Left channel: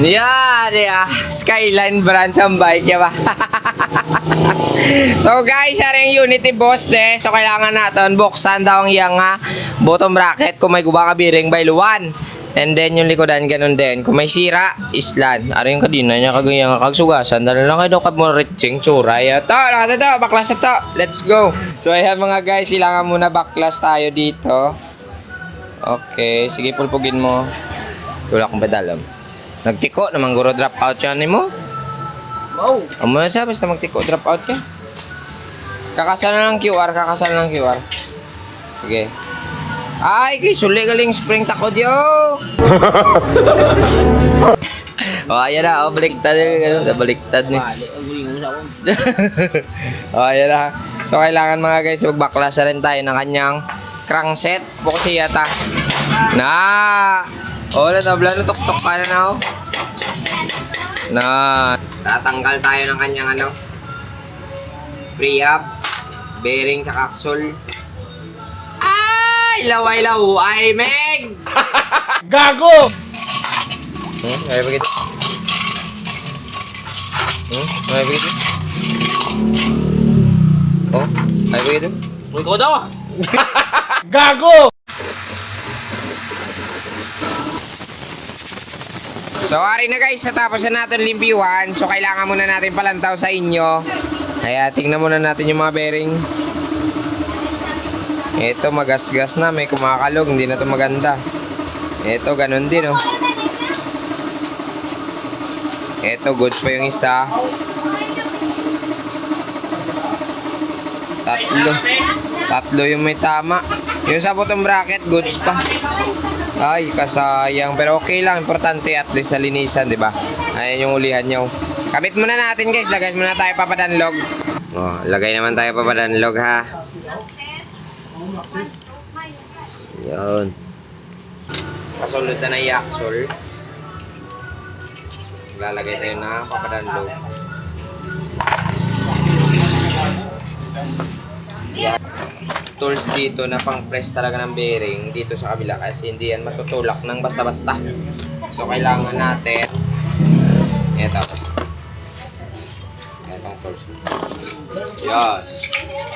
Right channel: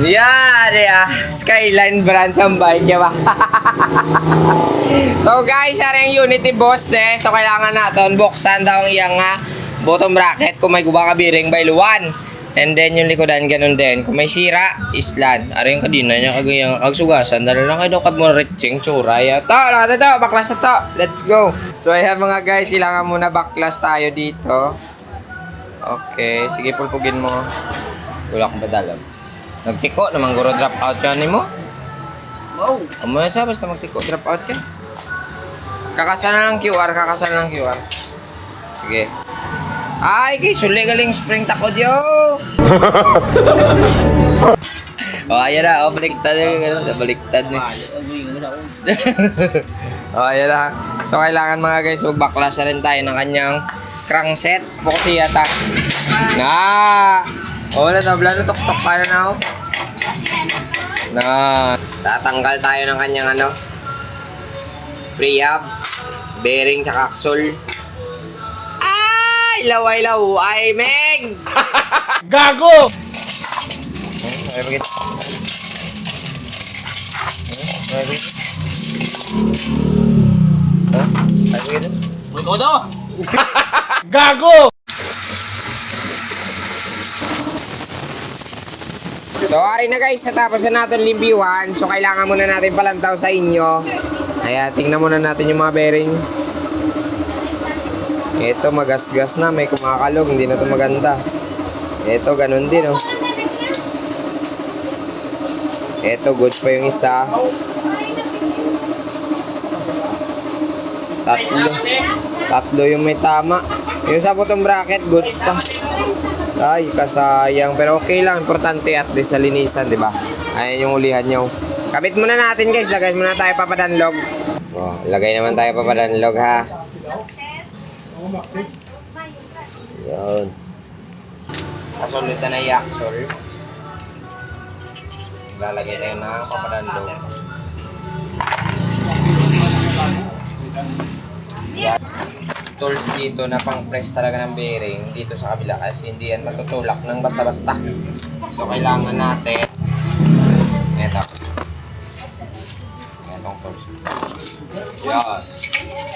Yan, Skyline brand sa bike niya ba? So guys, ari ang Unity boss de. So kailangan natin buksan daw ang iyang bottom bracket kung may guba ka bearing by luwan. And then yung likodan ganun din. Kung may sira, islan. Ari yung kadina niya kagayang kagsugasan. Dala lang kayo daw kad mo reaching tsura. To, lahat to, baklas to. Let's go. So ayan mga guys, kailangan muna baklas tayo dito. Okay, sige pulpugin mo. Tulak kong badalam. Nagtiko naman guro drop out yan mo. Wow. Amo na siya basta magtiko drop out ka. Kakasana ng QR, kakasana ng QR. Sige. Ay, kay suli galing spring takod yo. Oh, ayan na, baliktad na, baliktad na. Oh, ayan na. So kailangan mga guys, magbaklasa rin tayo ng kanyang crankset. Bukas yata. Na. Oh, natabla na tok-tok ka na ako. Na. Tatanggal tayo ng kanyang prehab, bearing sa axle. Ay, laway-law, ay, Meg! Gago! Ay, bakit? Ay, bakit? Oh, ay, bakit? Uy, ko daw! Gago! So, ari na guys, natapos na natin limpiwan. So, kailangan muna natin palantaw sa inyo. Kaya, tingnan muna natin yung mga bearing. Ito, magasgas na. May kumakalog. Hindi na ito maganda. Ito, ganun din, oh. Ito, goods pa yung isa. Tatlo yung may tama. Yung sa bottom bracket, goods pa. Ay, kasayang. Pero okay lang. Importante at least nalinisan, di ba? Ayan yung ulihan nyo. Kabit muna natin, guys. Lagay muna tayo papadanlog. Oh, lagay naman tayo papadanlog, ha. Yun. Kasunod na yung axle. Lalagay tayo na papadanlog. Yan. Tools dito na pang press talaga ng bearing dito sa kabila kasi hindi yan matutulak ng basta-basta. So kailangan natin itong tools. Yan.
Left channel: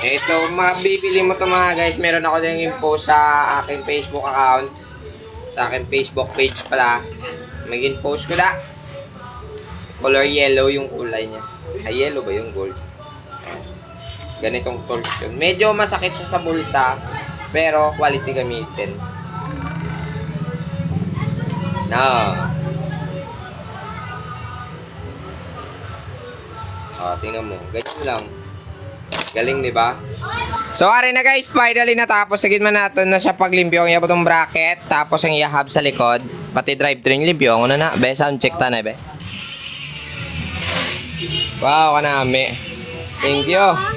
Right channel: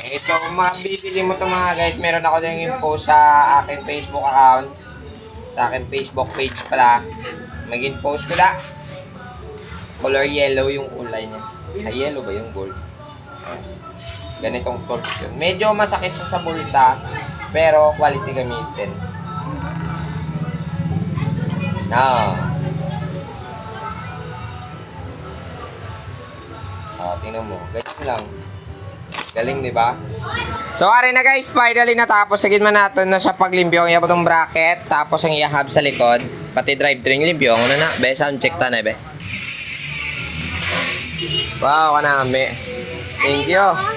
Ito, mabibili mo ito mga guys. Meron ako din yung post sa aking Facebook account. Sa aking Facebook page pala. Maging post ko na. Color yellow yung kulay niya. Ay, yellow ba yung gold? Ganitong tools yun. Medyo masakit siya sa bulsa, pero quality gamitin. Now. Tingnan mo. Ganyan lang. Galing, di ba? So, ari na guys. Finally natapos. Sagin man natin na siya paglimpyo. Ang itong bracket. Tapos ang hub sa likod. Pati drivetrain limpyo. Ano na? Be, sound check ta na, be. Wow, kanami. Thank you.